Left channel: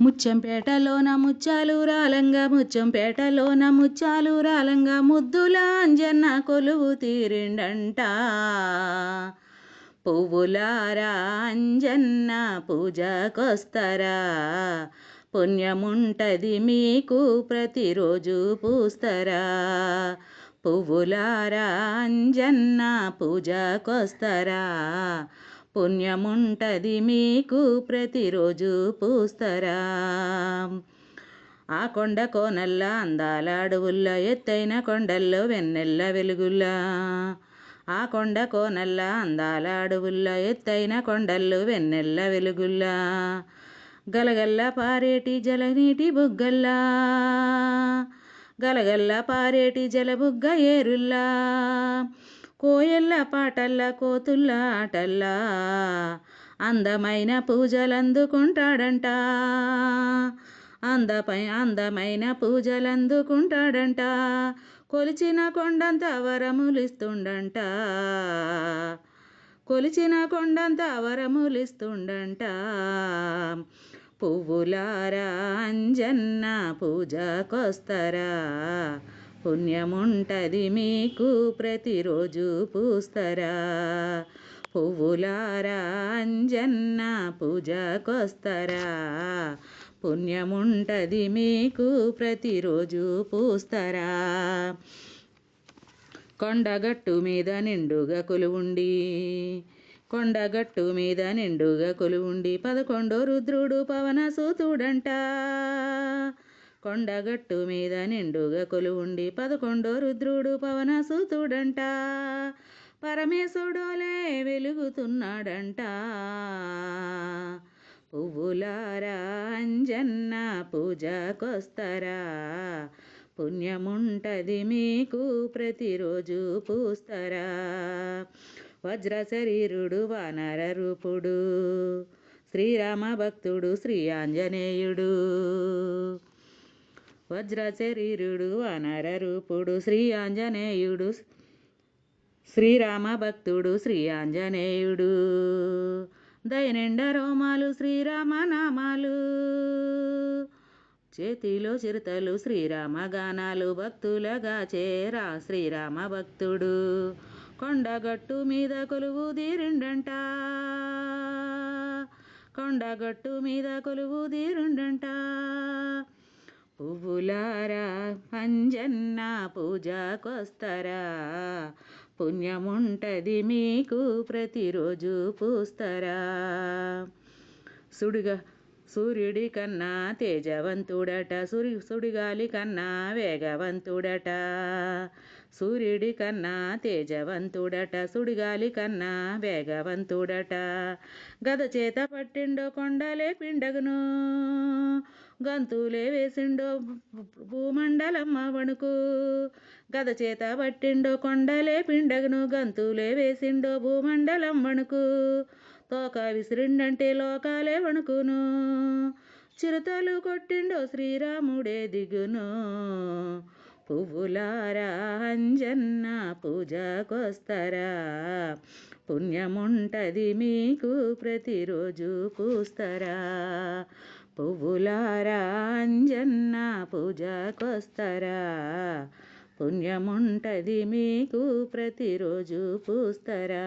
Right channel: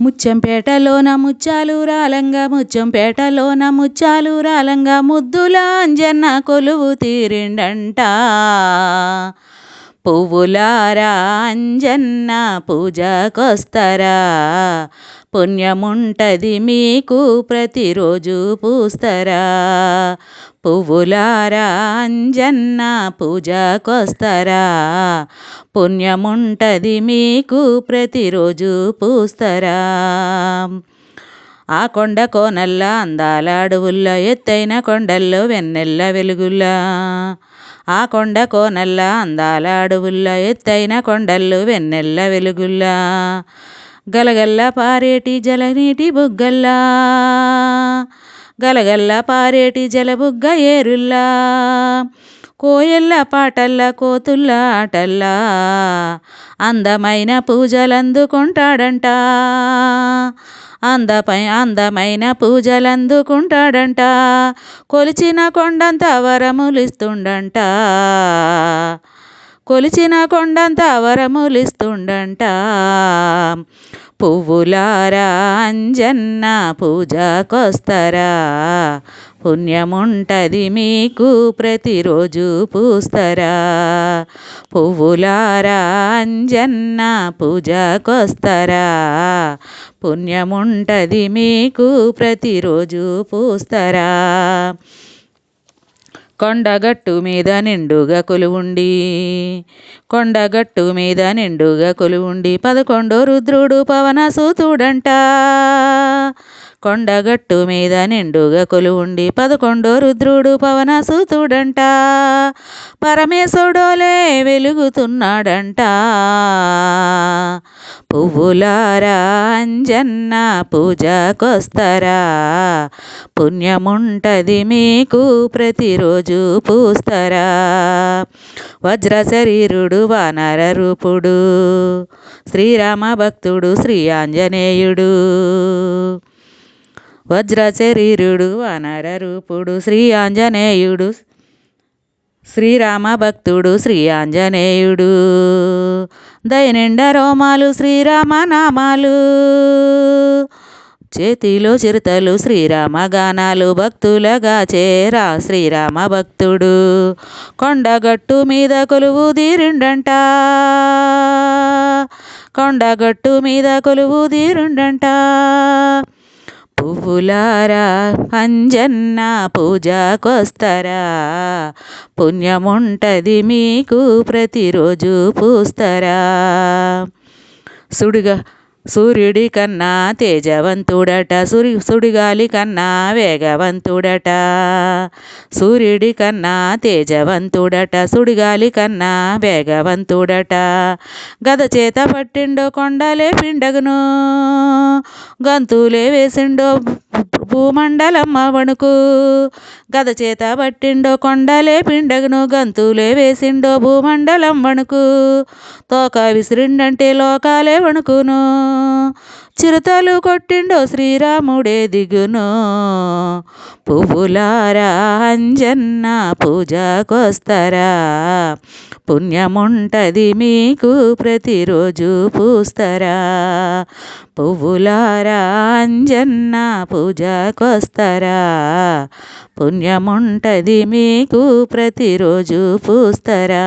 ముచ్చంపేటలోన ముచ్చాలు రాలంగా ముచ్చంపేటలోన ముచ్చాలు రాలంగా ముద్దుల అంజన్న కొలువు తీరిండంట. పువ్వులారా అంజన్న పూజకొస్తరా, పుణ్యముంటది మీకు ప్రతిరోజు పూస్తరా. పువ్వులారా అంజన్న పూజకొస్తరా, పుణ్యముంటది మీకు ప్రతిరోజు పూస్తరా. ఆ కొండ కోనల్ల అందాల అడవుల్లో ఎత్తైన కొండల్లో వెన్నెల్ల వెలుగుల్లా, ఆ కొండ కోనల్ల అందాల అడవుల్లో ఎత్తైన కొండల్లో వెన్నెల్ల వెలుగుల్లా, గలగల్ల పారేటి జలనీటి బుగ్గల్లా, గలగల్ల పారేటి జలబుగ్గ ఏరుల్లా, కోయల్ల పాటల్ల కోతుల్ల ఆటల్లా అందమైన పూజలందుకుంటాడంట. అందమైన పూజలందుకుంటాడంట. కొలిచిన కొండంత వరములిస్తుండంట, కొలిచిన కొండంత వరములిస్తుండంట. పువ్వులారా అంజన్న పూజకొస్తరా, పుణ్యముంటది మీకు ప్రతిరోజు పూస్తరా. పువ్వులారా అంజన్న పూజకొస్తరా, పుణ్యముంటది మీకు ప్రతిరోజు పూస్తరా. కొండగట్టు మీద నిండుగా కొలువుండి, కొండగట్టు మీద నిండుగా కొలువుండి 11 రుద్రుడు పవనసుతుడంట. కొండగట్టు మీద నిండుగా కొలువుండి 11 రుద్రుడు పవనసుతుడంట. పరమేశుడోలే వెలుగుతున్నాడంట. పువ్వులారా అంజన్న పూజకొస్తరా, పుణ్యముంటది మీకు ప్రతిరోజు పూస్తరా. వజ్ర శరీరుడు వానర రూపుడు శ్రీరామ భక్తుడు శ్రీ ఆంజనేయుడు. వజ్ర శరీరుడు వానర రూపుడు శ్రీ ఆంజనేయుడు, శ్రీరామ భక్తుడు శ్రీ ఆంజనేయుడు. దయనిండ రోమాలు శ్రీరామ నామాలు, చేతిలో చిరుతలు శ్రీరామ గానాలు, భక్తులగా చేరా శ్రీరామ భక్తుడు. కొండగట్టు మీద కొలువు తీరిండంట, కొండగట్టు మీద కొలువు తీరిండంట. పువ్వులారా అంజన్న పూజకొస్తరా, పుణ్యముంటది మీకు ప్రతిరోజు పూస్తరా. సూర్యుడి కన్నా తేజవంతుడట, సుడిగాలి కన్నా వేగవంతుడట. సూర్యుడి కన్నా తేజవంతుడట, సుడిగాలి కన్నా వేగవంతుడట. గద చేత పట్టిండో కొండలే పిండగును, గంతులే వేసిండో భూమండలం వణుకు. గద చేత పట్టిండో కొండలే పిండగును, గంతులే వేసిండో భూమండలం వణుకు. తోక విసిరిండంటే లోకాలే వణుకును, చిరుతలు కొట్టిండో శ్రీరాముడే దిగును. పువ్వులారా అంజన్న పూజకొస్తరా, పుణ్యముంటది మీకు ప్రతిరోజు పూస్తరా. పువ్వులారా అంజన్న పూజకొస్తరా, పుణ్యముంటది మీకు ప్రతిరోజు పూస్తరా.